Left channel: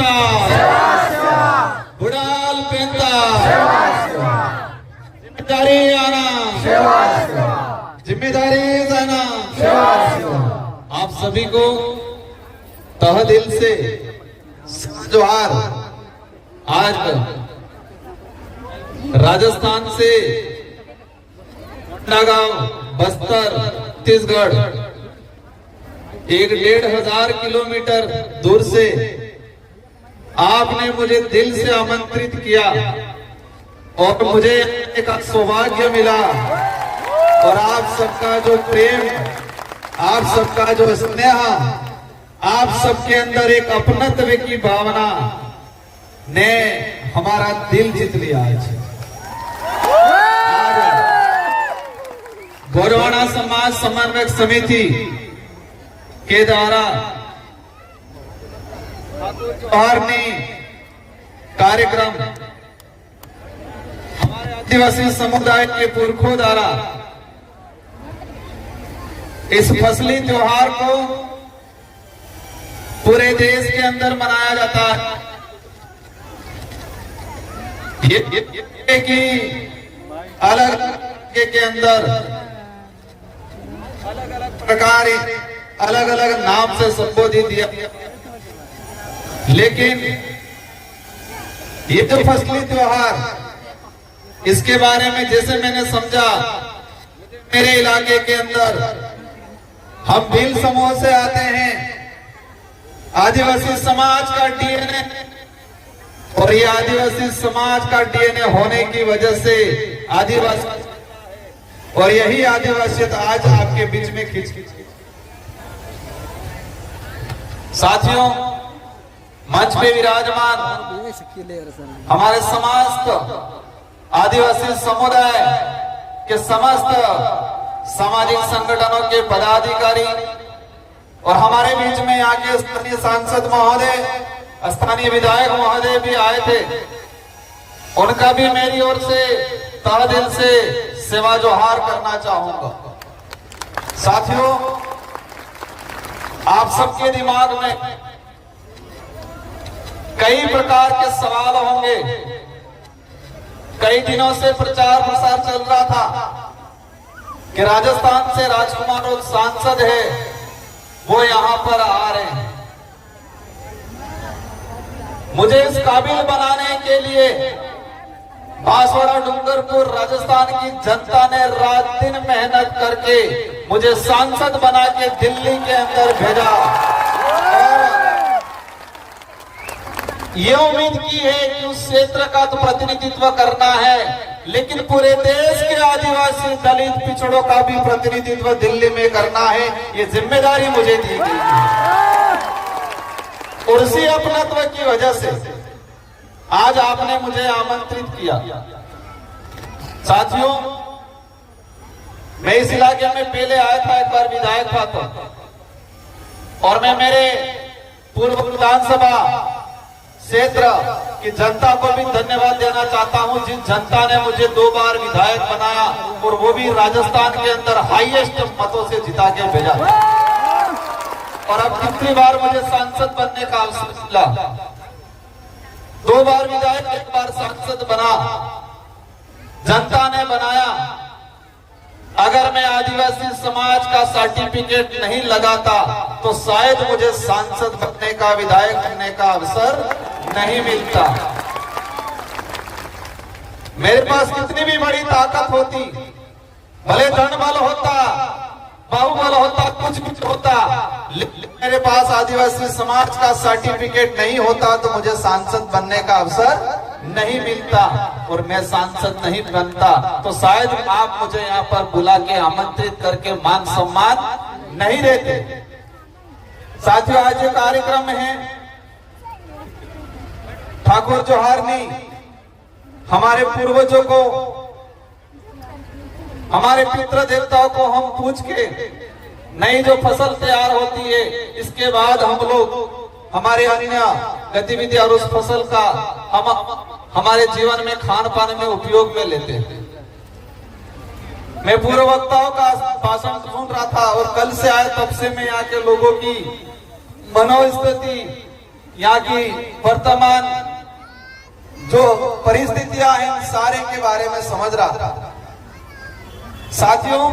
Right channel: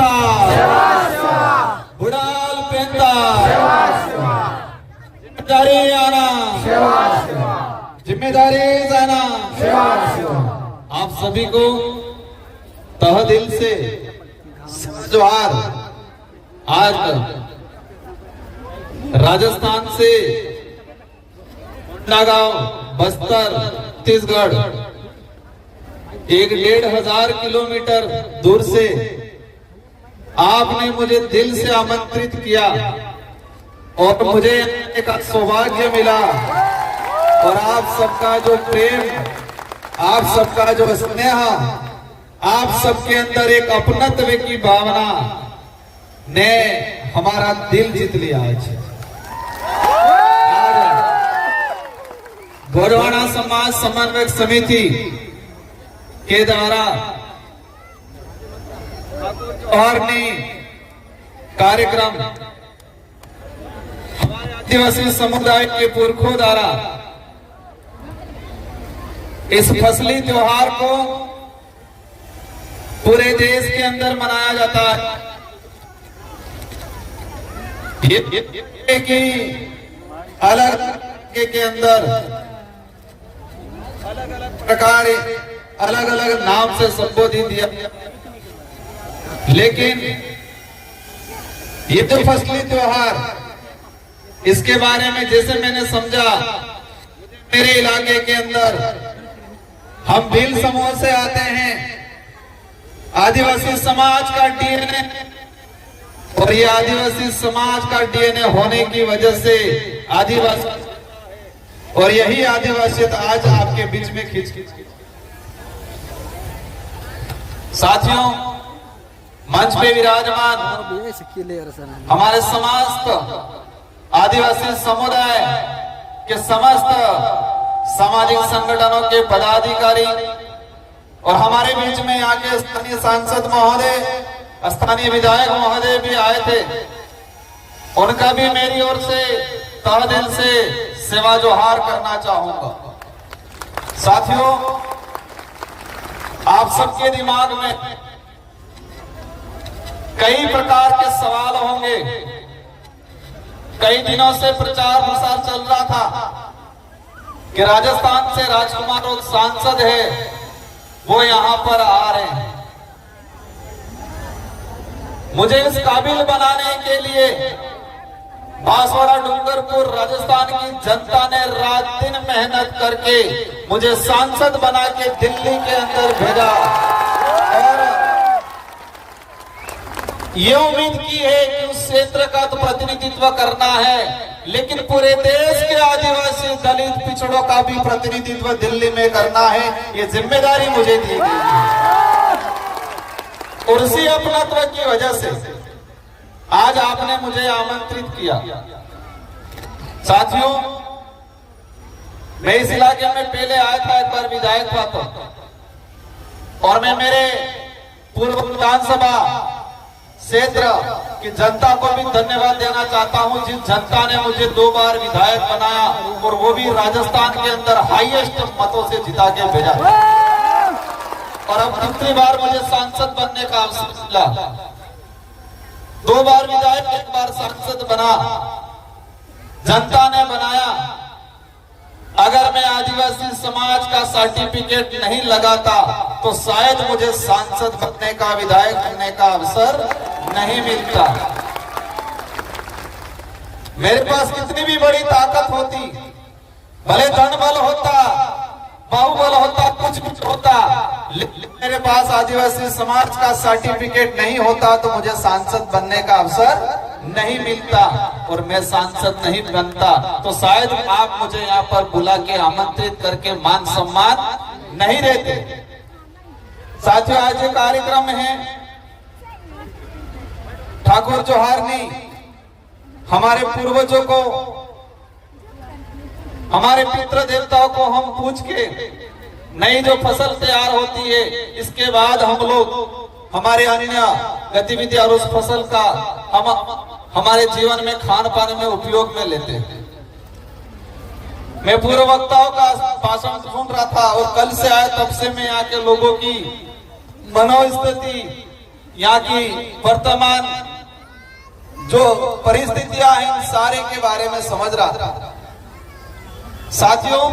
पेंता बुडाल पेंता जिम्मेदारी आना जिम्मेदारी जाना। आप सभी को तह दिल से जोहार। आज राजस्थान से कोंडागांव बस्तर छत्तीसगढ़ 1,500 किलोमीटर दूर से आपने मुझे दिल से आमंत्रित किया और मुझे एक सौभाग्य मिला। और आप सबका जो प्रेम, आप सबका जो स्नेह, आप सबके अंदर एक अपनत्व की भावना ने हमारा दिल जीत लिया। आज गोरवाना समाज समन्वय समिति के द्वारा जोहारनी कार्यक्रम हमारे आदिवासी समुदाय के पुरखों द्वारा इस फसली त्योहार को पूरे देश के अंदर मनाया जाता है। ये कि अलग के अंदर अलग अलग प्रकार अलग अलग नाम से संबोधित किया, लेकिन ये तो फसली त्योहार, इसके बारे में जैसे मैंने समझा, मेरे इलाके के अंदर हम भील समूह से आते हैं, आदिवासी समाज का डीएनए, और ये आदिवासी समाज का डीएनए होने की वजह से आदिवासी, और यही आदिवासियत आज आपके बीच में खींच साथियों, मंच पे विराजमान हमारे समस्त आदिवासी समुदाय के समस्त सामाजिक संगठनों के पदाधिकारी और हमारे बीच में यहाँ के स्थानीय सांसद महोदय, स्थानीय विधायक महोदय भी आए थे, उनका भी मेरी ओर से तहे दिल से सेवा जोहार करना चाहूंगा। साथियों, आप सबके दिमाग में कई प्रकार के सवाल होंगे। कई दिनों से प्रचार प्रसार चल रहा था कि राजस्थान से राजकुमार और सांसद है, वो यहां पर आ रहे हैं। मुझे इस काबिल बनाने के लिए बांसवाड़ा डूंगरपुर राजस्थान की जनता ने रात दिन मेहनत करके मुझे सांसद बना के दिल्ली के अंदर भेजा और ये उम्मीद की है कि उस क्षेत्र का तो प्रतिनिधित्व करना है, लेकिन पूरे देश के आदिवासी दलित पिछड़ों का भी प्रतिनिधित्व दिल्ली में करना है। ये जिम्मेदारी मुझे दी गई है और उसी अपनत्व की वजह से आज आपने मुझे आमंत्रित किया। साथियों, मैं इस इलाके में पहले आया था, एक बार विधायक था तो, और मैं मेरे पूर्व विधानसभा क्षेत्र की जनता को भी धन्यवाद देना चाहता हूं, जिस जनता ने मुझे 2 बार विधायक बनाया और वो भी राजस्थान के अंदर हाईएस्ट मतों से जिता के भेजा। और अब कितनी बार मुझे सांसद बनने का अवसर मिला, 2 बार विधायक, 1 बार सांसद बना, जनता ने बनाया। अगर मैं आदिवासी समाज का सर्टिफिकेट नहीं लगाता तो शायद मुझे सांसद बनने का, विधायक बनने का अवसर नहीं मिलता। मेरे पास कितनी भी बड़ी ताकत होती, भले धन बल होता, बाहुबल होता, कुछ भी होता, लेकिन मेरे पास आदिवासी समाज का सर्टिफिकेट नहीं होता तो मुझे सांसद बनने का अवसर नहीं मिलता और मैं सांसद नहीं बनता तो शायद आप मुझे यहाँ पर बुला के आमंत्रित करके मान सम्मान नहीं देते। साथियों, आज ये कार्यक्रम है ठाकुर जोहारनी, हमारे पूर्वजों को, हमारे पितृ देवताओं को हम पूछ के नई जो फसल तैयार होती है, इसके बाद हम लोग हमारे अन्य गतिविधि और उस फसल का हम हमारे जीवन में खान पान में उपयोग में लेते हैं। मैं पूर्व वक्ताओं का भाषण सुन रहा था और कल से आए तब से मैं यहाँ के लोगों की मनोस्थिति, यहाँ की वर्तमान जो परिस्थितियां हैं उन सारे के बारे में समझ रहा था। साथियों,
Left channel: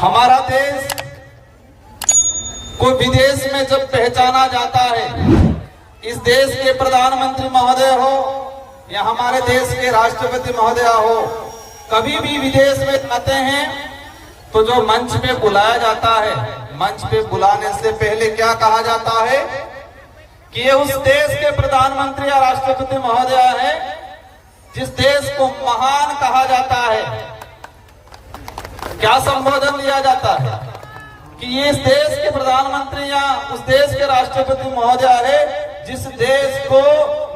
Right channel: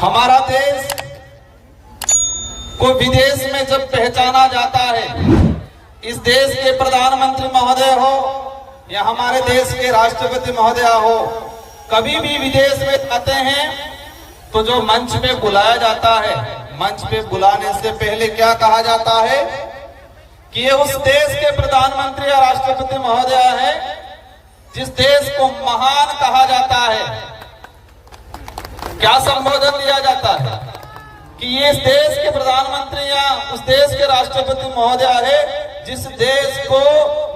हमारा देश को विदेश में जब पहचाना जाता है, इस देश के प्रधानमंत्री महोदय हो या हमारे देश के राष्ट्रपति महोदय हो, कभी भी विदेश में जाते हैं तो जो मंच पे बुलाया जाता है, मंच पे बुलाने से पहले क्या कहा जाता है कि ये उस देश के प्रधानमंत्री या राष्ट्रपति महोदय है जिस देश को महान कहा जाता है। क्या संबोधन दिया जाता है कि ये इस देश के प्रधानमंत्री या उस देश के राष्ट्रपति महोदय है जिस देश को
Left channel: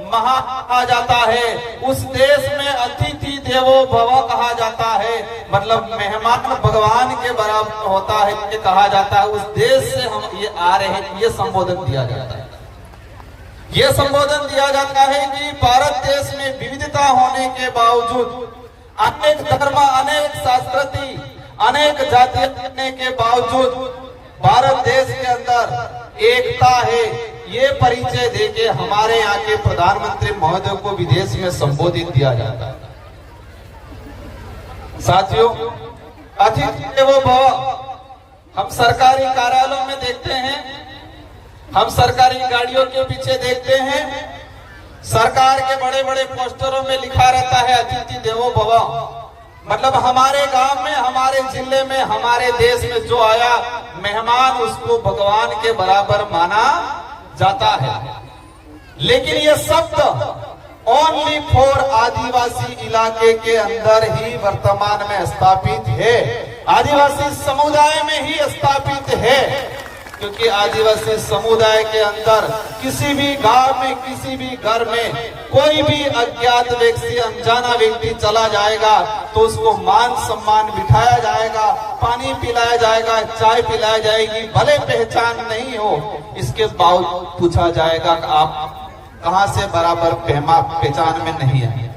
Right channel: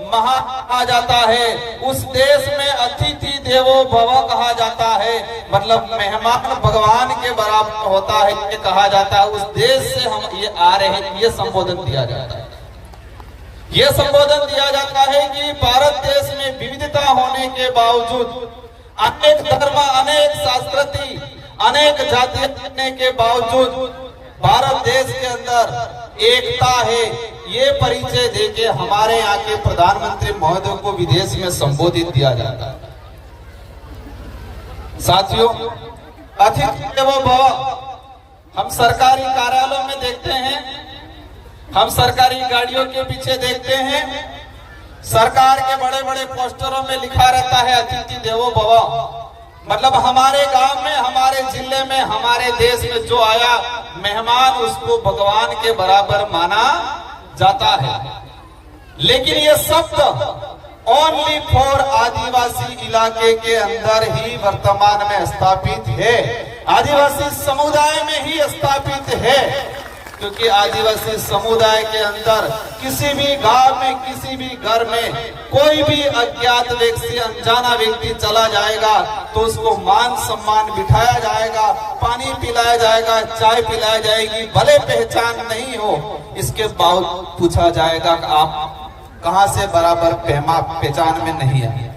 महान कहा जाता है, उस देश में अतिथि देवो भव कहा जाता है, मतलब मेहमान भगवान के बराबर होता है ये कहा जाता है। उस देश से हम ये आ रहे हैं, ये संबोधन दिया जाता है। ये संबोधन दिया जाता है कि भारत देश में विविधता होने के बावजूद, अनेक धर्म, अनेक संस्कृति, अनेक जातियां होने के बावजूद भारत देश के अंदर एकता है, ये परिचय देके हमारे यहाँ के प्रधानमंत्री महोदय को विदेश में संबोधित किया जाता है। साथियों, अतिथि देवो भव हम सरकारी कार्यालयों में देखते हैं, हम सरकारी गाड़ियों के पीछे देखते हैं, सरकार के बड़े बड़े पोस्टरों में लिखा रहता है अतिथि देवो भव। मतलब हमारे गांव में, हमारे जिले में, हमारे देश में जो आया मेहमान, उसको भगवान के बराबर माना जाता है। लेकिन ये शब्द ओनली फॉर आदिवासी इलाके के अंदर ही वर्तमान में स्थापित है, आदिवासी समुदाय में ही स्थापित है, क्योंकि आदिवासी समुदाय के अंदर किसी भी गांव में, किसी भी घर में कोई भी अज्ञात व्यक्ति, अनजाना व्यक्ति चला जाएगा तो उसको मान सम्मान बिठाया जाएगा, पानी पिलाया जाएगा, चाय पिलाई जाएगी, भले पहचान नहीं हो इसके बावजूद पूछा जाएगा आप कहां से, बराबर पहचान में नहीं है।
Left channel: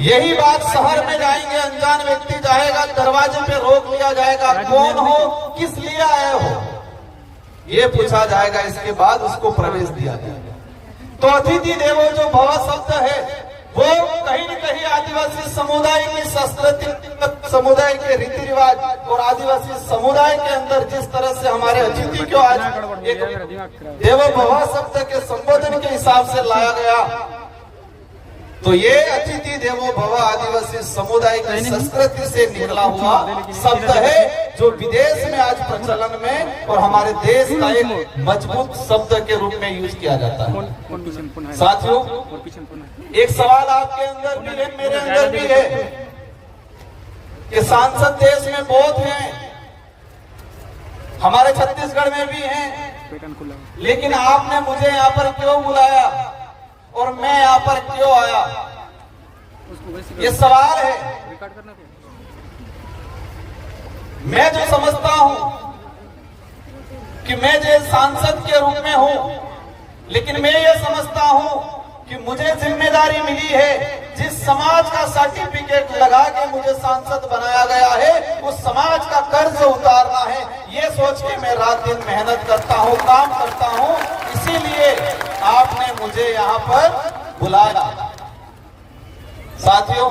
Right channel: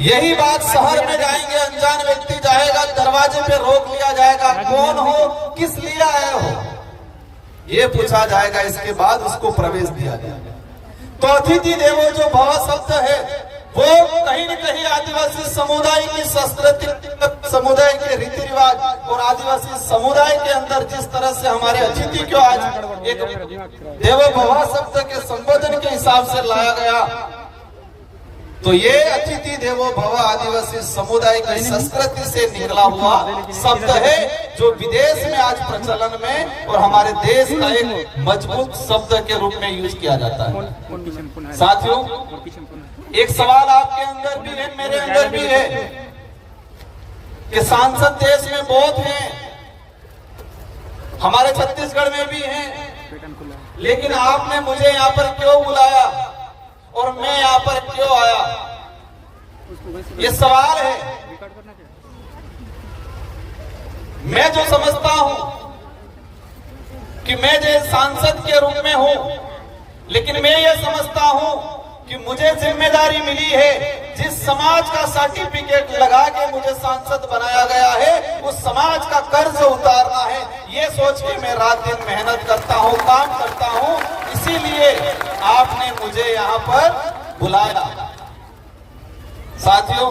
यही बात शहर में जाएंगे, अनजान व्यक्ति जाएगा, दरवाजे पे रोक लिया जाएगा, कौन हो, किस लिए आए हो, ये पूछा जाएगा, इसके बाद उसको प्रवेश दिया जाएगा। तो अतिथि देवो जो भव शब्द है वो कहीं न कहीं आदिवासी समुदाय की संस्कृति, समुदाय के रीति रिवाज और आदिवासी समुदाय के अंदर जिस तरह से हमारे अतिथि को आज एक देवो भव शब्द के संबोधन के हिसाब से लाया गया, तो ये अतिथि देवो भव आदिवासी समुदाय की संस्कृति से निकला हुआ शब्द है जो विदेश में आज प्रचलन में और हमारे देश का एक मजबूत शब्द के रूप में यूज किया जाता है। साथियों, एक सवाल आपके अंदर भी है, मेरे अंदर भी है कि सांसद देश में बहुत हैं, हमारे छत्तीसगढ़ में भी हैं, लेकिन आपने मुझे यहाँ पर क्यों बुलाया और मैं यहाँ पर क्यों आया, ये सवाल है। मैं जो समझता हूं कि मैं जो सांसद के रूप में हूं, लेकिन मैं ये समझता हूं कि मुझे जिम्मेदारी मिली है, जिस समाज का सर्टिफिकेट लगा के मुझे सांसद बनाया गया है उस समाज का कर्ज उतारना है, ये सोच के मैं रात दिन मेहनत करता हूं, काम करता हूं। इसीलिए आपने मुझे यहाँ पर बुलाया। साथियों,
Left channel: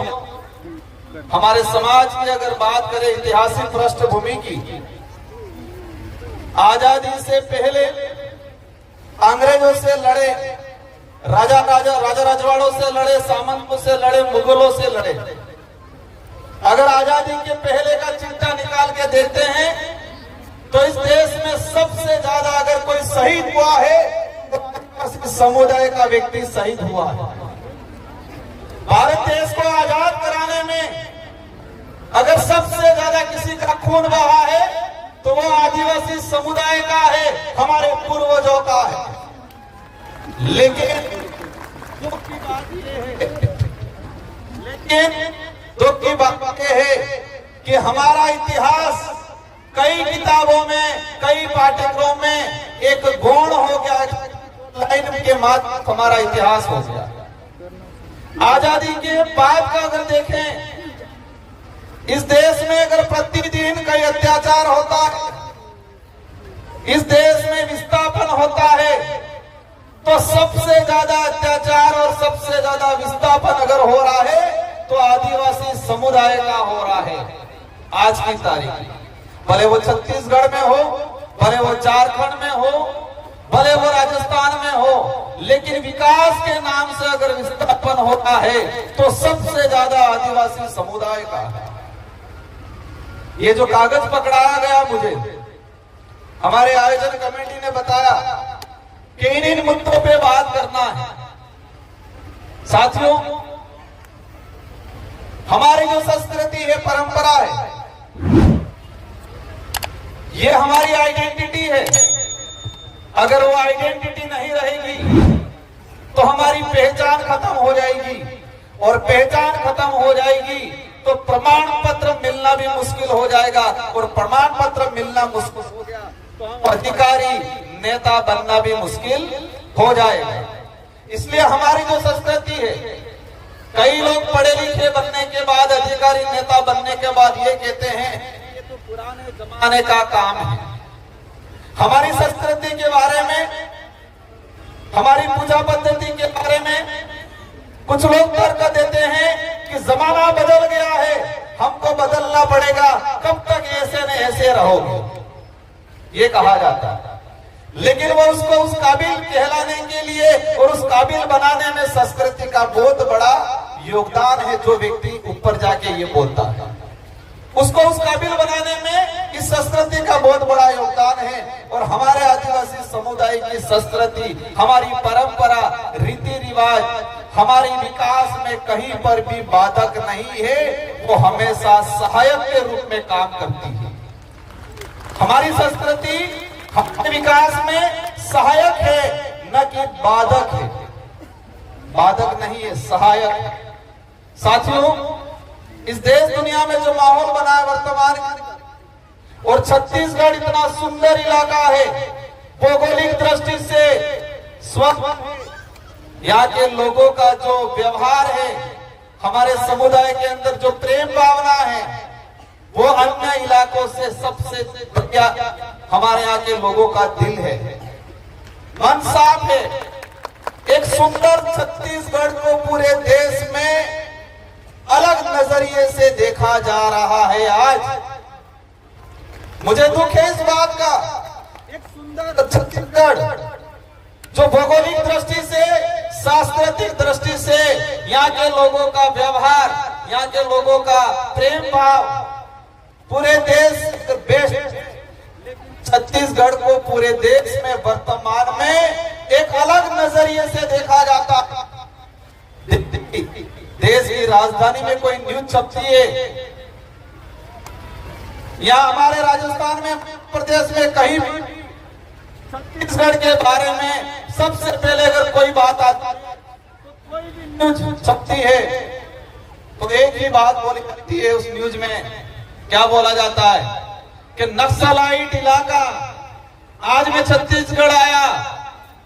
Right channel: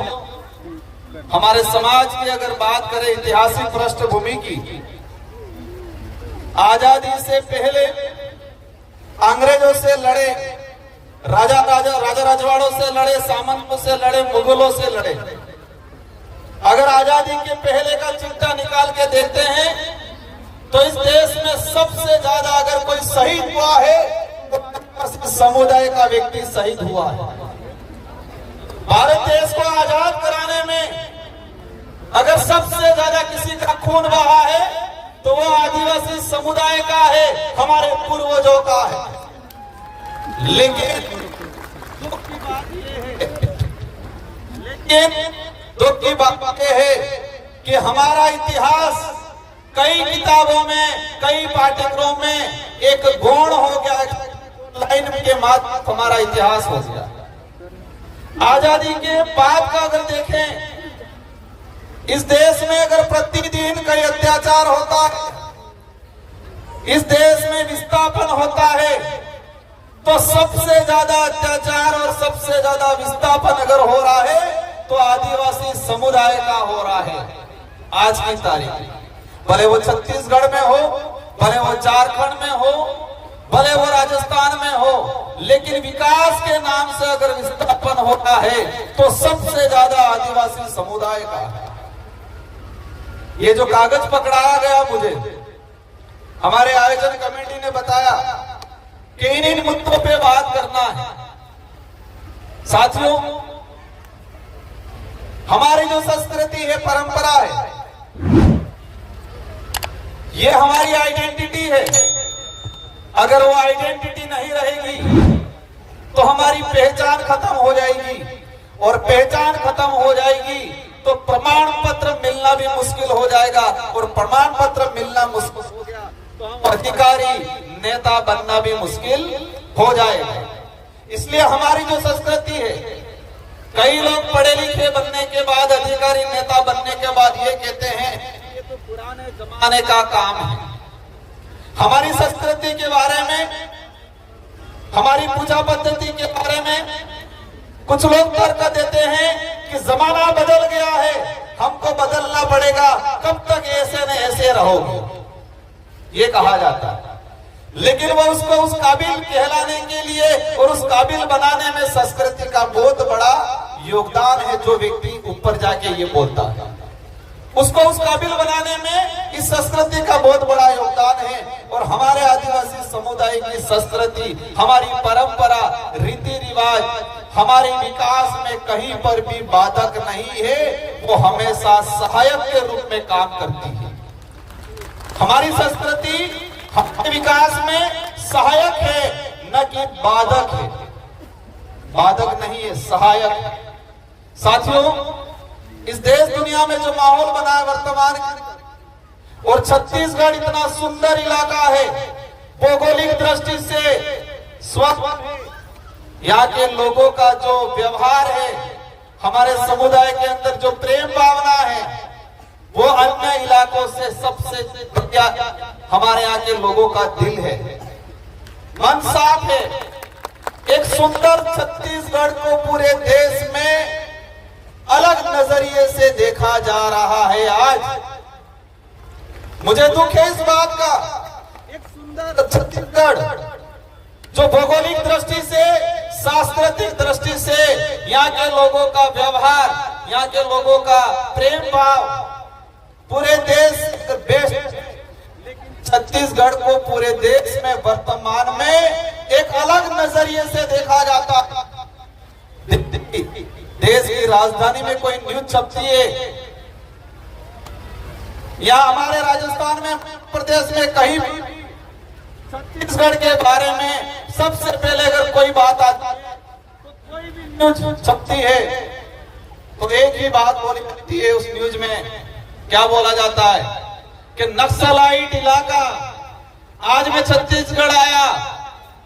हमारे समाज की अगर बात करें ऐतिहासिक पृष्ठभूमि की, आजादी से पहले अंग्रेजों से लड़े, राजा रजवाड़ों से लड़े, सामंतों से लड़े, मुगलों से लड़े। अगर आजादी के पहले का चिट्ठा निकाल के देखते हैं तो इस देश में सबसे ज्यादा अगर कोई शहीद हुआ है तो समुदाय का व्यक्ति शहीद हुआ है। भारत देश को आजाद कराने में अगर सबसे ज्यादा किसी का खून बहा है तो वो आदिवासी समुदाय का है, हमारे पूर्वजों का है। लेकिन दुख की बात यह है कि हमारा इतिहास कई किताबों में, कई पाठ्यक्रमों में एक गौण हो गया, लाइन के माध्यम हमारा इतिहास हो गया। आजादी के बाद का अगर देखें, इस देश में अगर प्रतिदिन कई अत्याचार होता है, इस देश में विस्थापन होता है तो सबसे ज्यादा अत्याचार और सबसे ज्यादा विस्थापन अगर हो रहा है तो आदिवासी समुदाय का हो रहा है। आज की तारीख भले वो छत्तीसगढ़ में हो, भले वो झारखंड में हो, भले वो राजस्थान में हो, लेकिन विकास के नाम से अगर विस्थापन होता है तो सबसे ज्यादा आदिवासी समुदाय का है। ये जो कागज पकड़ाया गया मुझे, हमारे आयोजन कमेटी ने बताया कि इन मुद्दों पे बात करना है। साथियों, हमारी जो संस्कृति है, परंपरा है, ये हमारी आइडेंटिटी है। अगर वो आइडेंटिटी नहीं रहेगी तो हमारी पहचान खत्म हो जाएगी, और पहचान खत्म हो जाएगी तो प्रमाण पत्र मिलना भी मुश्किल हो जाएगा, और प्रमाण पत्र मिलना मुश्किल हो गया तो अधिकारी नेता बनना भी मुश्किल हो जाएगा। इसलिए हमारी जो संस्कृति है, कई लोग पढ़े लिखे बनने के बाद, अधिकारी नेता बनने के बाद ये कहते हैं ये तो पुराने जमाने का काम है। हमारी संस्कृति के बारे में, हमारी पूजा पद्धति के बारे में कुछ लोग तर्क देते हैं कि जमाना बदल गया है, हमको बदलना पड़ेगा, कब तक ऐसे न ऐसे रहोगे, ये कहा जाता है। लेकिन वो उसको उस काबिल कहलाने के लिए और उस काबिल बनाने में संस्कृति का बहुत बड़ा योगदान है। जो व्यक्ति ऊपर जाके ये बोलता है, उसको उस काबिल बनाने में इस संस्कृति का बहुत बड़ा योगदान है। और हमारे आदिवासी समुदाय की संस्कृति, हमारी परंपरा, रीति रिवाज हमारे विकास में कहीं पर भी बाधक नहीं है, वो हमेशा सहायक के रूप में काम करती है। हमारी संस्कृति हमारे विकास में सहायक है, न कि बाधक है। बाधक नहीं है, सहायक है। साथियों, इस देश दुनिया में जो माहौल बना है वर्तमान के, और छत्तीसगढ़ इतना सुंदर इलाका है, भौगोलिक दृष्टि से स्वच्छ है, यहाँ के लोगों का जो व्यवहार है, हमारे समुदाय के अंदर जो प्रेम भावना है, वो अन्य इलाकों से सबसे बढ़िया हमारे यहाँ के लोगों का दिल है, मन साफ है। एक सुंदर छत्तीसगढ़ को पूरे देश में अलग नजरिए से देखा जा रहा है। आज मुझे दुख है इस बात का, एक सुंदर छत्तीसगढ़ जो भौगोलिक दृष्टि से, सांस्कृतिक दृष्टि से, यहाँ के लोगों का व्यवहार, यहाँ के लोगों का प्रेम भाव पूरे देश बेस्ट, लेकिन छत्तीसगढ़ को पूरे देश में वर्तमान में एक अलग नजरिए से देखा जाता है। देश की राजधानी में कोई न्यूज छपती है, या हमारे राजस्थान में, प्रदेश में कहीं भी छत्तीसगढ़ के बारे में सबसे पहले अगर कोई बात आती है तो कोई भी न्यूज छपती है तो एक ही बात बोली जाती है। उस न्यूज में क्या बोला जाता है कि नक्सलाइट इलाका। आज मैं छत्तीसगढ़ आया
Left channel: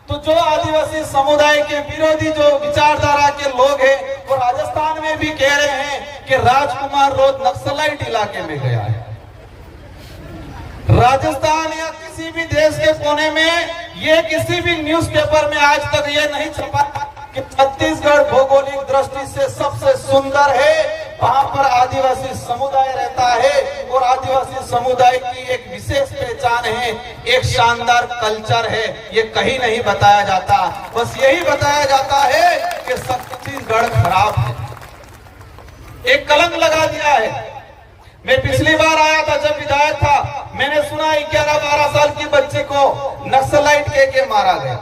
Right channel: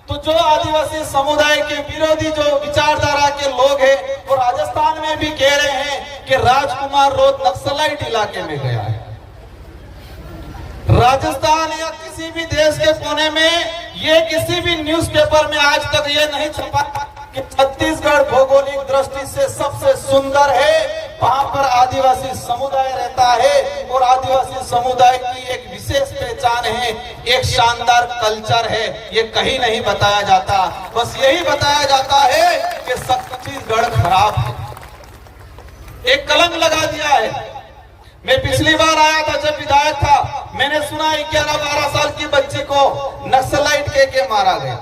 तो जो आदिवासी समुदाय के विरोधी जो विचारधारा के लोग हैं वो राजस्थान में भी कह रहे हैं कि राजकुमार रोड नक्सलाइट इलाके में गया है। राजस्थान या किसी भी देश के कोने में ये किसी भी न्यूज़पेपर में आज तक ये नहीं छपा कि छत्तीसगढ़ भौगोलिक दृष्टि से सबसे सुंदर है, वहां पर आदिवासी समुदाय रहता है और आदिवासी समुदाय की एक विशेष पहचान है, एक शानदार कल्चर है। ये कहीं नहीं बताया जाता, बस यही बताया जाता है कि छत्तीसगढ़ खराब है, एक कलंक लगा दिया है। मैं पिछली बार आया था जब विधायक था, मैंने सुना 11-12 साल की बच्ची को नक्सलाइट के मारा गया।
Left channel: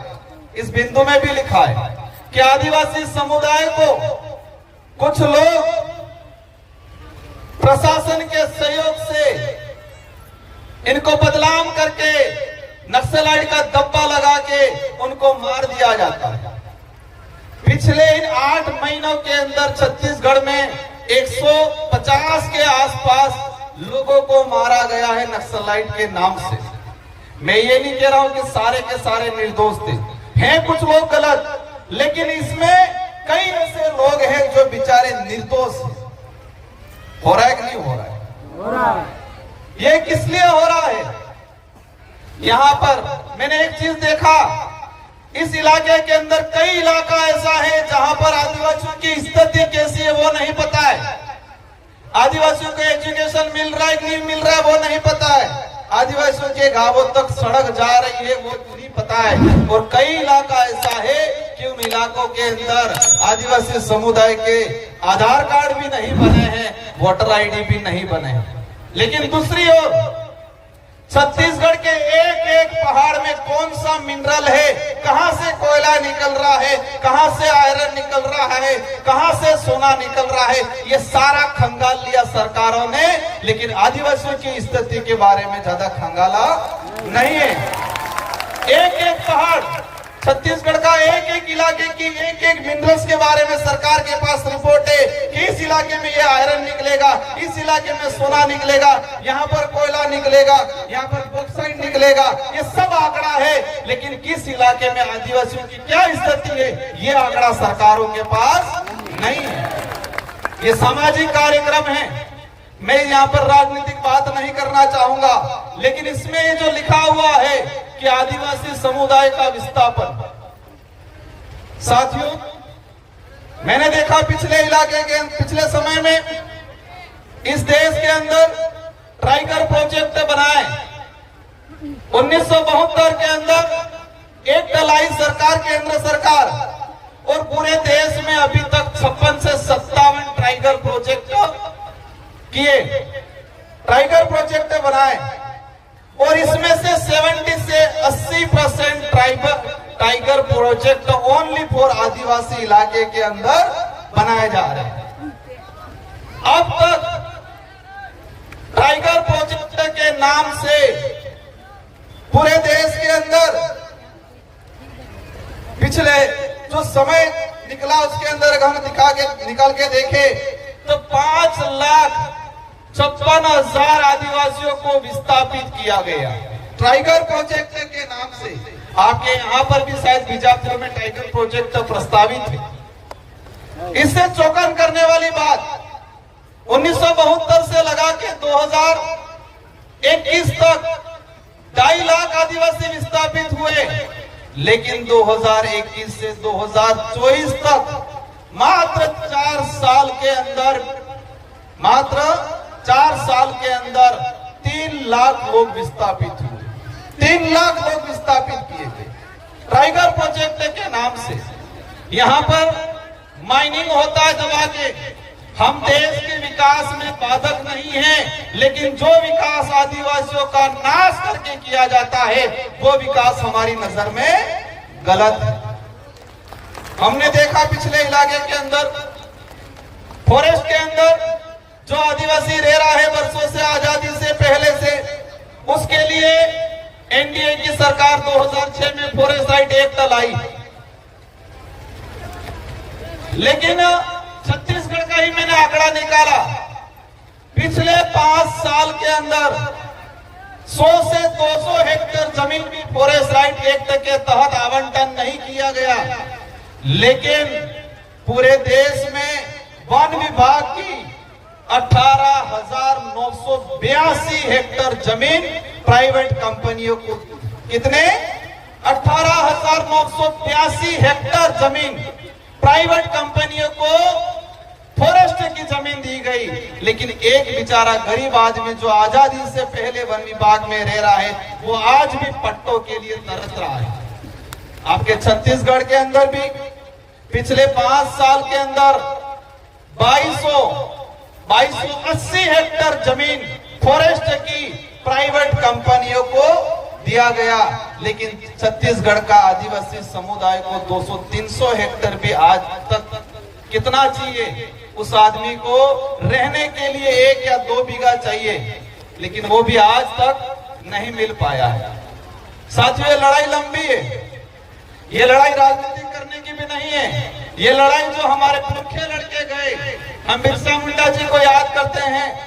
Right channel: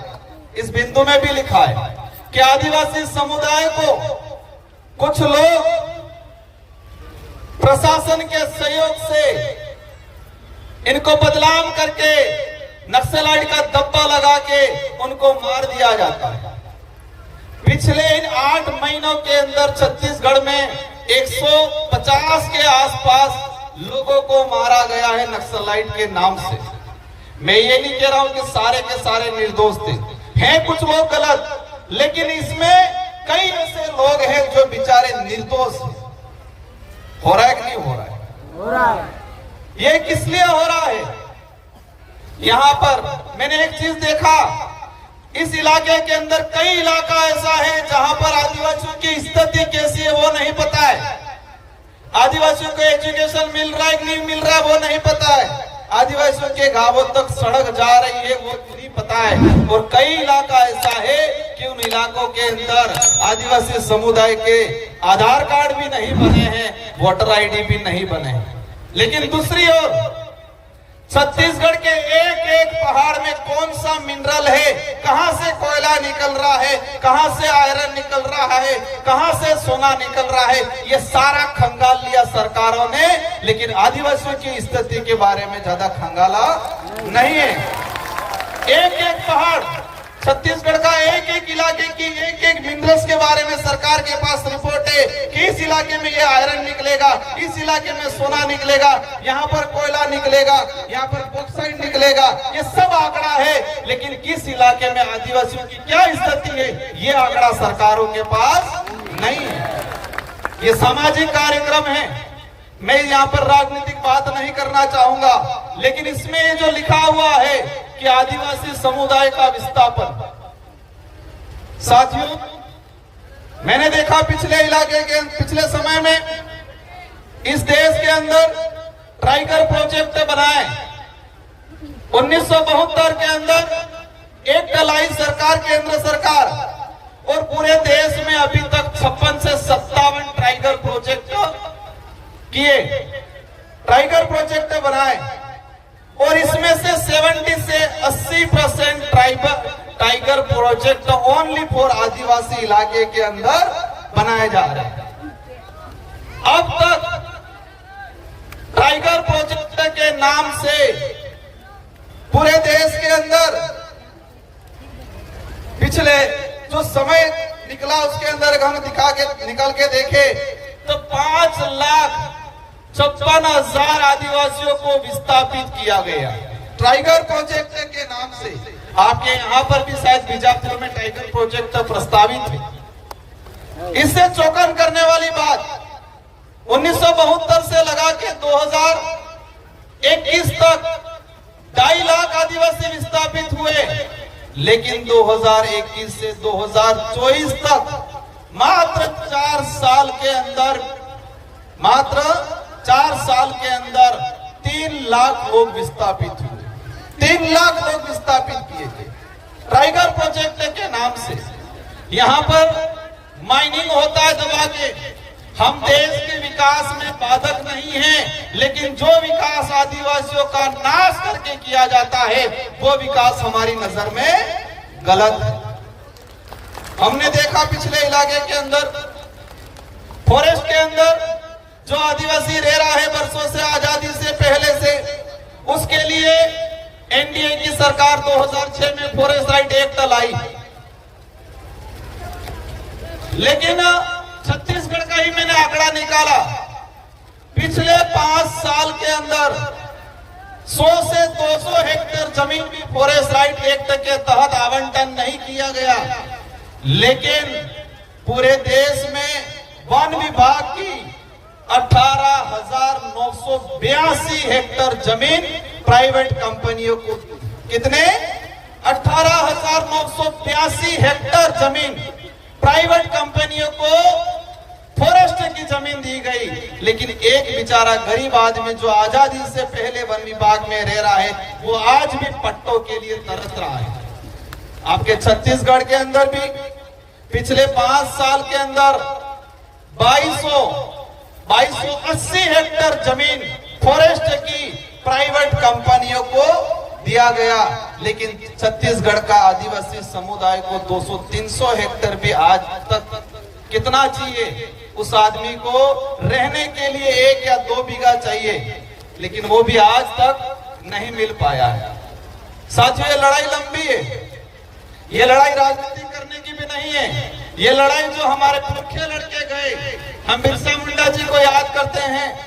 इस बिंदु में भी लिखा है कि आदिवासी समुदाय को कुछ लोग प्रशासन के सहयोग से इनको बदनाम करके नक्सलाइट का धब्बा लगा के उनको मार दिया जाता है। पिछले इन 8 महीनों के अंदर छत्तीसगढ़ में 150 के आसपास लोगों को मारा गया है नक्सलाइट के नाम से। मैं ये नहीं कह रहा हूं कि सारे के सारे निर्दोष थे, हैं कुछ लोग गलत, लेकिन इसमें कई ऐसे लोग हैं जो बेचारे निर्दोष हैं। हो रहा है कि नहीं हो रहा है? हो रहा है। ये किस लिए हो रहा है? यहाँ पर मैंने एक चीज देखा, इस इलाके के अंदर कई इलाका ऐसा है जहां पर आदिवासियों की स्थिति कैसी है वो नहीं पता है। आदिवासियों को एजुकेशन मिल रहा है कि नहीं मिल रहा है वो नहीं पता है। आदिवासियों के गांवों तक सड़क जा रही है वो नहीं पता है। और कई इलाका ऐसा है कि उन इलाकों के अंदर आदिवासी समुदाय के आधार कार्ड भी नहीं बने हैं, वोटर आईडी भी नहीं बने हैं। लेकिन दूसरी ओर छत्तीसगढ़ के एक एक पहाड़ में कौन सा मिनरल है, कहां से कोयला निकल रहा है, कहां से आयरन निकल रहा है, कहां से सोना निकल रहा है, ये सारा खंगाल लिया सरकारों ने। लेकिन आदिवासियों की स्थिति के बारे में ज्यादा खंगाला नहीं है। एक एक पहाड़, छत्तीसगढ़ का एक एक इलाके की एक एक मिनरल्स के बारे में सरकार के पास रिपोर्ट है कि इस इलाके में ये आयरन निकलेगा, इस इलाके में सोना निकलेगा, यहाँ पर कोयला निकलेगा, यहाँ पर बॉक्साइट निकलेगा, ये सब आंकड़ा है। लेकिन किस इलाके में आदिवासियों की क्या स्थिति है ये आंकड़ा सरकारों के पास नहीं है। ये सामाजिक कार्यक्रम है, मैं यहाँ पर राजनीतिक बात नहीं करना चाहूंगा, लेकिन इसमें जो लिखा हुआ है कि आदिवासी समुदाय का विस्थापन, साथियों मैंने देखा पिछले समय में इस देश के अंदर टाइगर प्रोजेक्ट बनाए। 1972 के अंदर एक लाई सरकार, केंद्र सरकार, और पूरे देश में अभी तक 56 से 57 टाइगर प्रोजेक्ट किए, टाइगर प्रोजेक्ट बनाए, और इसमें से 70 से 80% टाइगर प्रोजेक्ट ओनली फॉर आदिवासी इलाके के अंदर बनाए जा रहे हैं। अब तक टाइगर प्रोजेक्ट के नाम से पूरे देश के अंदर पिछले जो समय निकला उसके अंदर हम निकाल के देखे तो 5,56,000 आदिवासियों को विस्थापित किया गया टाइगर प्रोजेक्ट के नाम से। आपके यहाँ पर भी शायद बीजापुर में टाइगर प्रोजेक्ट प्रस्तावित है। इससे चौंकन करने वाली बात, 1972 से लगा के 2021 तक 2.5 लाख आदिवासी विस्थापित हुए, लेकिन 2021 से 2024 तक मात्र 4 साल के अंदर 3 लाख लोग विस्थापित हुए। 3 लाख लोग विस्थापित किए थे टाइगर प्रोजेक्ट के नाम से। यहाँ पर माइनिंग होता है दबा के। हम देश के विकास में बाधक नहीं हैं, लेकिन जो विकास आदिवासियों का नाश करके किया जाता है वो विकास हमारी नजर में गलत है। हमने देखा पिछले इलाके के अंदर, फॉरेस्ट के अंदर जो आदिवासी रह रहा है वर्षों से, आजादी से पहले से, उसके लिए एनडीए की सरकार 2006 में फॉरेस्ट राइट एक्ट लाई। लेकिन छत्तीसगढ़ का ही मैंने आंकड़ा निकाला, पिछले 5 साल के अंदर 100 से 200 हेक्टेयर जमीन भी फॉरेस्ट राइट एक्ट के तहत आवंटन नहीं किया गया। लेकिन पूरे देश में वन विभाग की 18,982 हेक्टेयर जमीन प्राइवेट कंपनियों को, कितने 18,982 हेक्टेयर जमीन प्राइवेट कंपनियों को फॉरेस्ट की जमीन दी गई। लेकिन एक बेचारा गरीब आदमी जो आजादी से पहले वन विभाग में रह रहा है वो आज भी पट्टों के लिए तरस रहा है। आपके छत्तीसगढ़ के अंदर भी पिछले 5 साल के अंदर 2280 हेक्टेयर जमीन फॉरेस्ट की प्राइवेट कंपनियों को दिया गया। लेकिन छत्तीसगढ़ का आदिवासी समुदाय को 200-300 हेक्टेयर भी आज तक कितना चाहिए, उस आदमी को रहने के लिए 1 या 2 बीघा चाहिए, लेकिन वो भी आज तक नहीं मिल पाया है। साथियों, ये लड़ाई लंबी है, ये लड़ाई राजनीति करने की भी नहीं है। ये लड़ाई जो हमारे पुरखे लड़के गए, हम बिरसा मुंडा जी को याद करते हैं,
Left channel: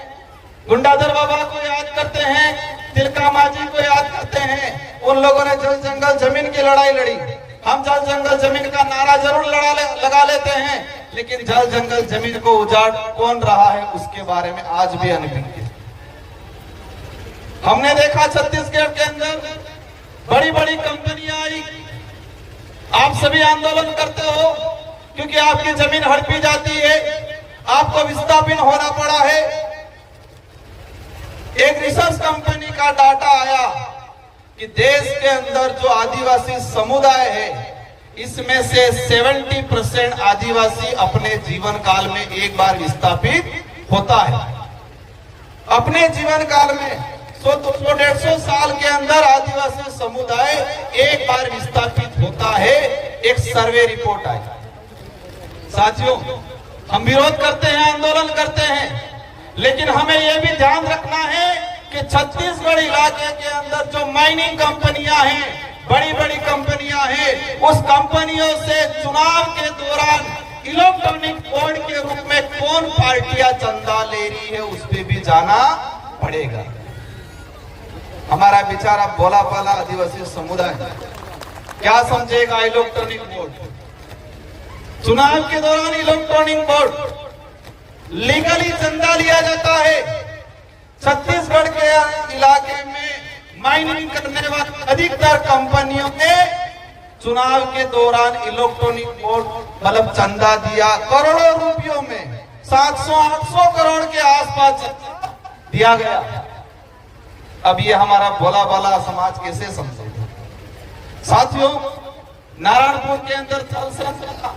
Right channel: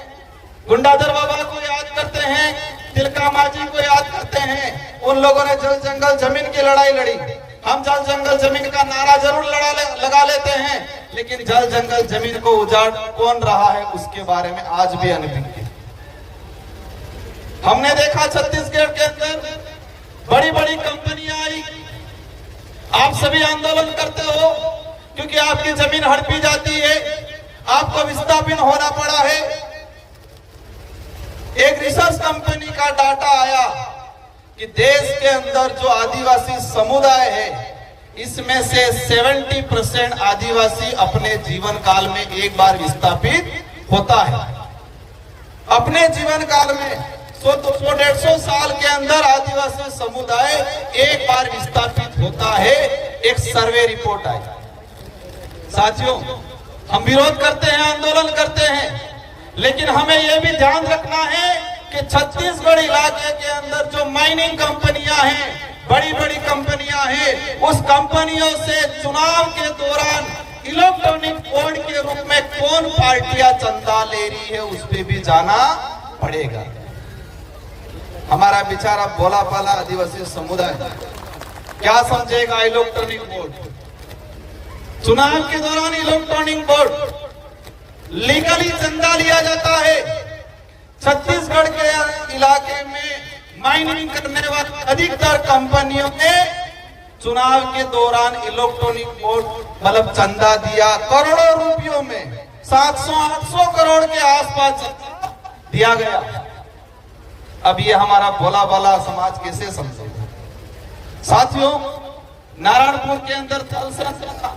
गुंडाधर बाबा को याद करते हैं, तिलका मांझी को याद करते हैं। उन लोगों ने जल जंगल जमीन की लड़ाई लड़ी। हम जल जंगल जमीन का नारा जरूर लगा लेते हैं, लेकिन जल जंगल जमीन को उजाड़ कौन रहा है उसके बारे में आज भी अनभिज्ञ। हमने देखा छत्तीसगढ़ के अंदर बड़ी बड़ी कंपनियां आई, आप सभी आंदोलन करते हो क्योंकि आपकी जमीन हड़पी जाती है, आपको विस्थापित होना पड़ा है। एक रिसर्च कंपनी का डाटा आया कि देश के अंदर जो आदिवासी समुदाय है, इसमें से 70% आदिवासी अपने जीवन काल में एक बार विस्थापित होता है। अपने जीवन काल में 100-150 साल के अंदर आदिवासी समुदाय एक बार विस्थापित होता है, एक सर्वे रिपोर्ट है। साथियों, हम विरोध करते हैं, आंदोलन करते हैं, लेकिन हमें यह भी ध्यान रखना है कि छत्तीसगढ़ इलाके के अंदर जो माइनिंग कंपनियां हैं, बड़ी बड़ी कंपनियां हैं, उस कंपनियों से चुनाव के दौरान इलेक्ट्रॉनिक बोर्ड के रूप में कौन पार्टियां चंदा ले रही है, उस पर भी जाना पड़ेगा। हमारा बेचारा भोला भाला आदिवासी समुदाय क्या समझेगा? इलेक्ट्रॉनिक बोर्ड, चुनाव के दौरान इलेक्ट्रॉनिक बोर्ड लीगली चंदा लिया जाता है। छत्तीसगढ़ के इलाके में माइनिंग करने वाली अधिकतर कंपनियों ने चुनाव के दौरान इलेक्ट्रॉनिक बोर्ड मतलब चंदा दिया, करोड़ों रुपयों में 700-800 करोड़ के आसपास चंदा दिया गया। अब ये हमारा भोला भाला समाज कैसे समझेगा? साथियों, नारायणपुर के अंदर थल सेना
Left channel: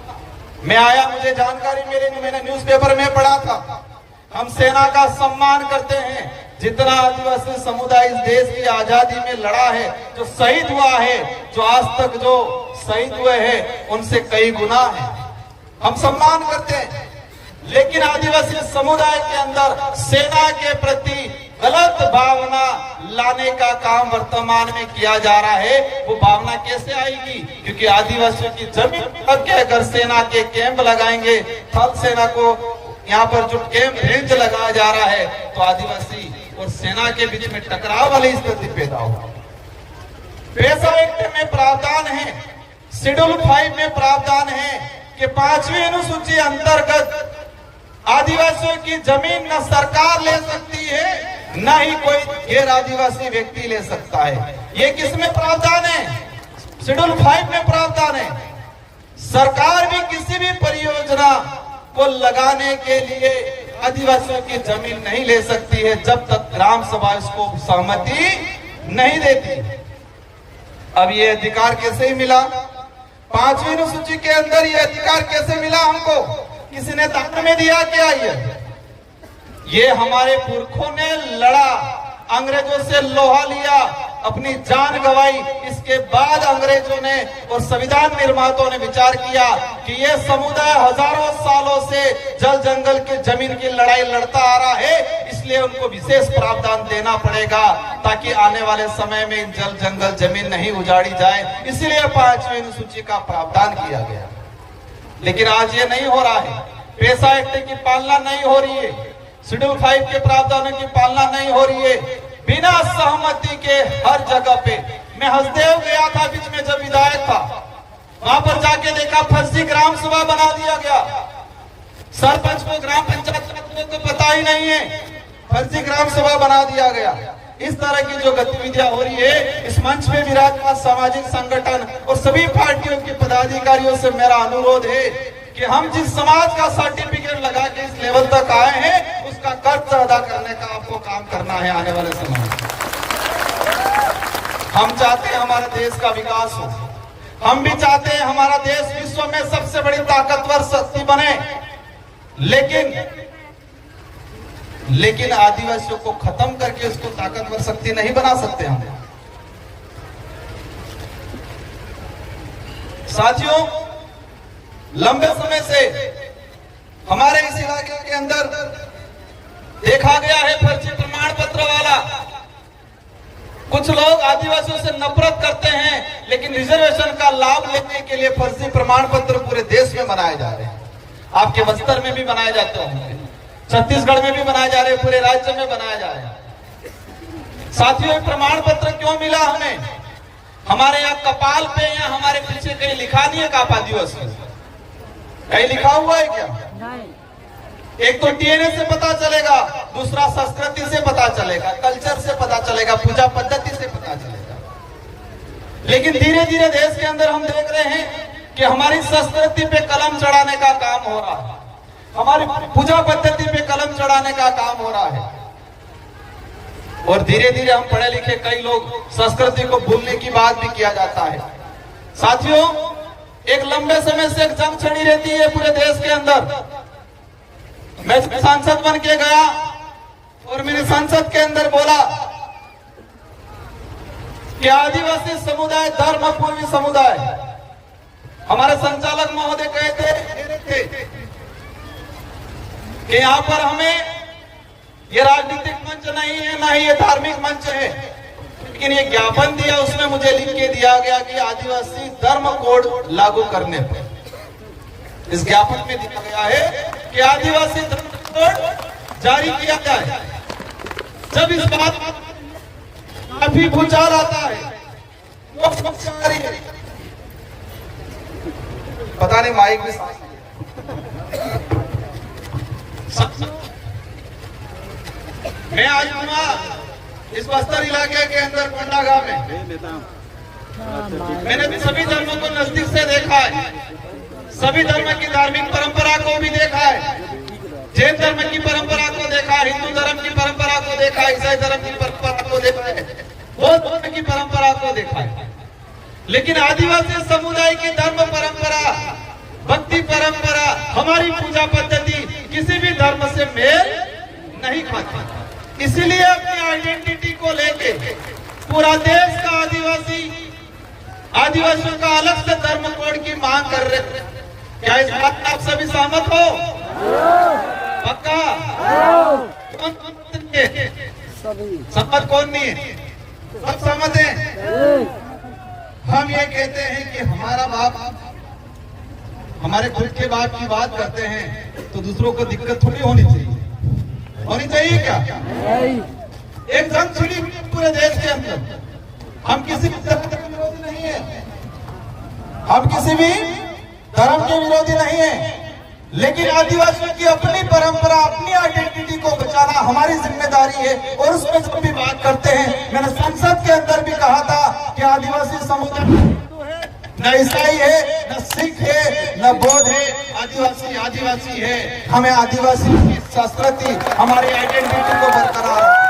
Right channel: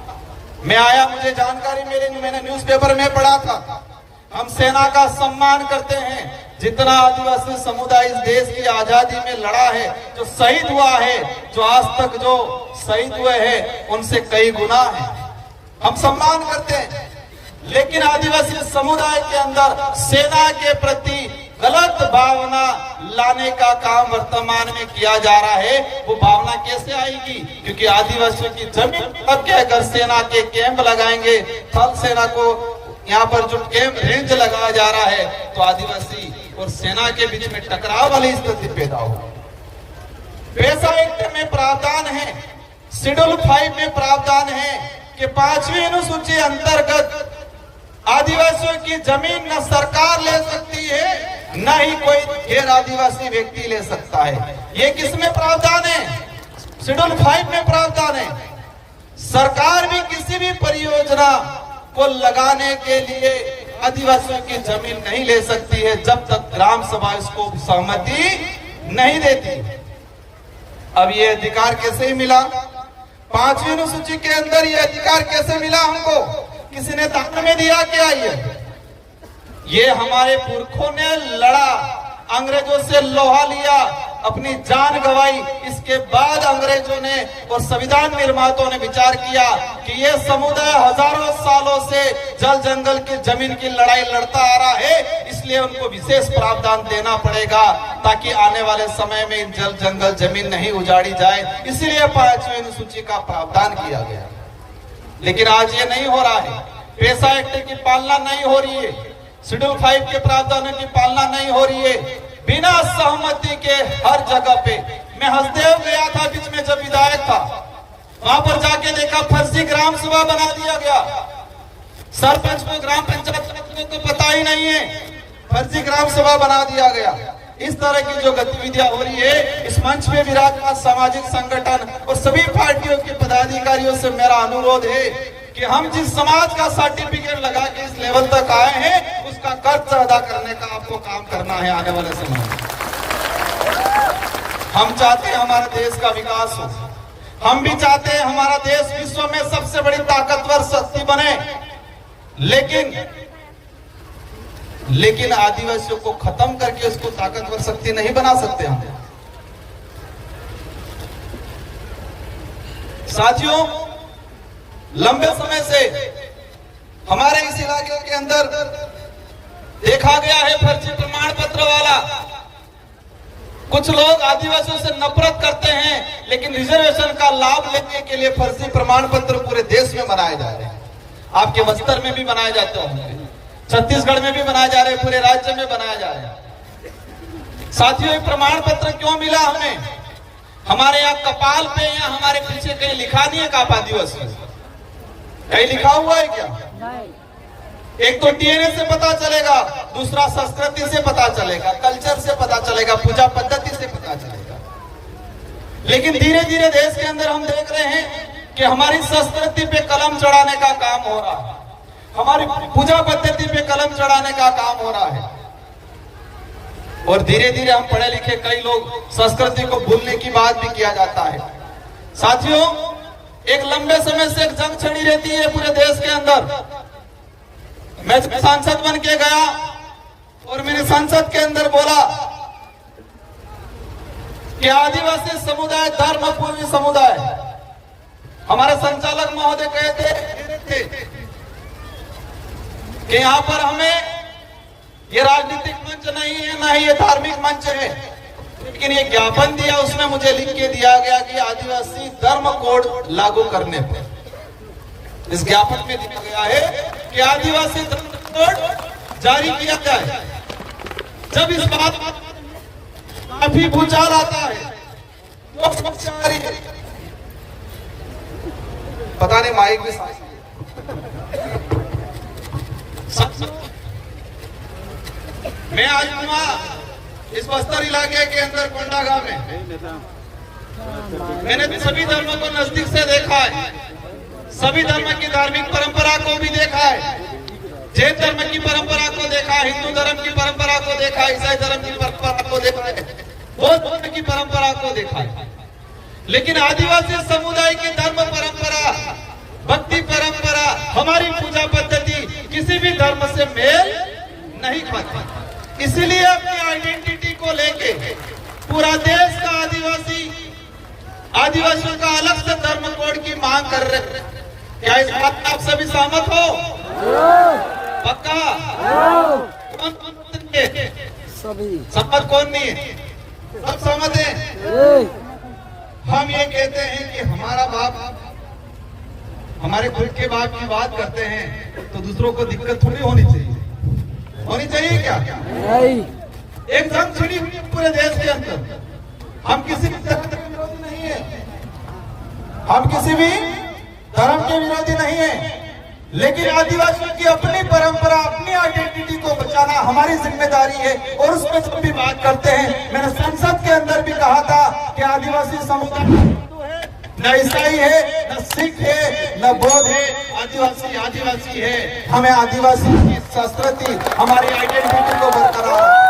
मैं आया, मुझे जानकारी मैंने न्यूज़पेपर में पढ़ा था। हम सेना का सम्मान करते हैं, जितना आदिवासी समुदाय इस देश की आजादी में लड़ा है, जो शहीद हुआ है, जो आज तक जो शहीद हुए हैं, उनसे कई गुना है, हम सम्मान करते हैं। लेकिन आदिवासी समुदाय के अंदर सेना के प्रति गलत भावना लाने का काम वर्तमान में किया जा रहा है। वो भावना कैसे आएगी? क्योंकि आदिवासियों की जमीन पर के अगर सेना के कैंप लगाएंगे, थल सेना को यहाँ पर जो कैंप रेंज लगाया जा रहा है, तो आदिवासी और सेना के बीच में टकराव वाली स्थिति पैदा होगी। पेशा एक्ट में प्रावधान है, शेड्यूल 5 में प्रावधान है कि 5वीं अनुसूची अंतर्गत आदिवासियों की जमीन न सरकार ले सकती है, न ही कोई गैर आदिवासी व्यक्ति ले सकता है। ये किसमें प्रावधान है? शेड्यूल 5 में प्रावधान है। सरकार भी किसी भी परियोजना को लगाने के लिए आदिवासियों की जमीन नहीं ले सकती है, जब तक ग्राम सभा इसको सहमति नहीं देती। अब ये अधिकार कैसे मिला? 5वीं अनुसूची के अंदर ये अधिकार कैसे मिला हमको? किसी ने दान में दिया क्या? ये हमारे पुरखों ने लड़ा, अंग्रेजों से लोहा लिया, अपनी जान गंवाई। इसके बाद अंग्रेजों ने और संविधान निर्माताओं ने विचार किया कि यह समुदाय हजारों सालों से जल जंगल की जमीन की लड़ाई लड़ता आ रहा है, इसलिए उनको विशेष प्रावधान देना पड़ेगा ताकि आने वाले समय में जल जंगल जमीन नहीं उजाड़ी जाए। इसीलिए 5वीं अनुसूची का प्रावधान किया गया। लेकिन आज ये नहीं हो रहा है। पेशा एक्ट की पालना नहीं हो रही है, शेड्यूल 5 के प्रावधानों की पालना नहीं हो रही है। बिना सहमति के हर जगह पे, मैं हसदेव गया था बीच में जब विधायक था, वहां पर जाके देखा फर्जी ग्राम सभा बना दिया गया। सरपंच को, ग्राम पंचायत को पता ही नहीं है, फर्जी ग्राम सभा बना दिया गया। इस तरह की जो गतिविधियां हो रही है, इस मंच पे विराजमान सामाजिक संगठन और सभी पार्टियों के पदाधिकारियों से मेरा अनुरोध है कि हम जिस समाज का सर्टिफिकेट लगा के इस लेवल तक आए हैं, उसका कर्ज अदा करने का आपको काम करना है आने वाले समय में। हम चाहते हैं हमारे देश का विकास हो, हम भी चाहते हैं हमारा देश विश्व में सबसे बड़ी ताकतवर शक्ति बने, लेकिन आदिवासियों को खत्म करके उसको ताकतवर शक्ति नहीं बना सकते हम। साथियों, लंबे समय से हमारे इस इलाके के अंदर देखा गया है फर्जी प्रमाण पत्र वाला। कुछ लोग आदिवासियों से नफरत करते हैं, लेकिन रिजर्वेशन का लाभ लेने के लिए फर्जी प्रमाण पत्र पूरे देश में बनाए जा रहे हैं। आपके बस्तर में भी बनाए जाते हैं, छत्तीसगढ़ में भी बनाए जा रहे हैं, पूरे राज्य में बनाए जा रहे हैं। साथियों, प्रमाण पत्र क्यों मिला हमें? हमारे यहाँ कपाल पे या हमारे पीछे कहीं लिखा नहीं है आप आदिवासी, कहीं लिखा हुआ है क्या? एक तो डीएनए से पता चलेगा, दूसरा संस्कृति से पता चलेगा, कल्चर से पता चलेगा, पूजा पद्धति से पता चलेगा। लेकिन धीरे धीरे देश के अंदर हम देख रहे हैं कि हमारी संस्कृति पे कलम चढ़ाने का काम हो रहा है, हमारी पूजा पद्धति पे कलम चढ़ाने का काम हो रहा है। और धीरे धीरे हम पढ़े लिखे कई लोग संस्कृति को भूलने की बात भी किया जाता है। साथियों, एक लंबे समय से एक जंग छिड़ी रहती है पूरे देश के अंदर। मैं सांसद बन के गया और मेरे संसद के अंदर बोला कि आदिवासी समुदाय धर्मपूर्वी समुदाय, हमारे संचालक महोदय कहते थे कि यहाँ पर हमें ये राजनीतिक मंच नहीं है, ना ही ये धार्मिक मंच है, लेकिन ये ज्ञापन दिया, उसमें मुझे लिख के दिया गया कि आदिवासी धर्म कोड लागू करने पर। इस ज्ञापन में दिया गया है कि आदिवासी धर्म कोड जारी किया जाए। जब इस बात काफी भूचाल आता है, वो समस्या आ रही है, पता नहीं माइक भी मैं आज इस बस्तर इलाके के अंदर कोंडागांव में मैंने भी सभी धर्मों को नजदीक से देखा है, सभी धर्म की धार्मिक परंपरा को भी देखा है। जैन धर्म की परंपरा को देखा है, हिंदू धर्म की परंपरा को देखा है, ईसाई धर्म की परंपरा को देखा है, बौद्ध धर्म की परंपरा को देखा है। लेकिन आदिवासी समुदाय की धर्म परंपरा, भक्ति परंपरा, हमारी पूजा पद्धति किसी भी धर्म से मेल नहीं खाती। इसीलिए अपनी आइडेंटिटी को लेके पूरा देश का आदिवासियों का अलग से धर्म कोड की मांग कर रहे हैं। क्या इस बात में आप सभी सहमत हो? पक्का? सहमत कौन नहीं है? सब सहमत है। हम ये कहते हैं कि हमारा बाप, हमारे खुद के बाप की बात करते हैं तो दूसरों को दिक्कत थोड़ी होनी चाहिए। होनी चाहिए क्या? एक जंग छिड़ी हुई है पूरे देश के अंदर। हम किसी भी धर्म के विरोधी नहीं है, हम किसी भी धर्म के विरोधी नहीं है, लेकिन आदिवासियों की अपनी परंपरा, अपनी आइडेंटिटी को बचाना हमारी जिम्मेदारी है। और उसमें जब भी बात करते हैं, मैंने संसद के अंदर भी कहा था कि आदिवासी समुदाय न ईसाई है, न सिख है, न बौद्ध है, आदिवासी आदिवासी है। हमें आदिवासी की संस्कृति, हमारी आइडेंटिटी को बरकरार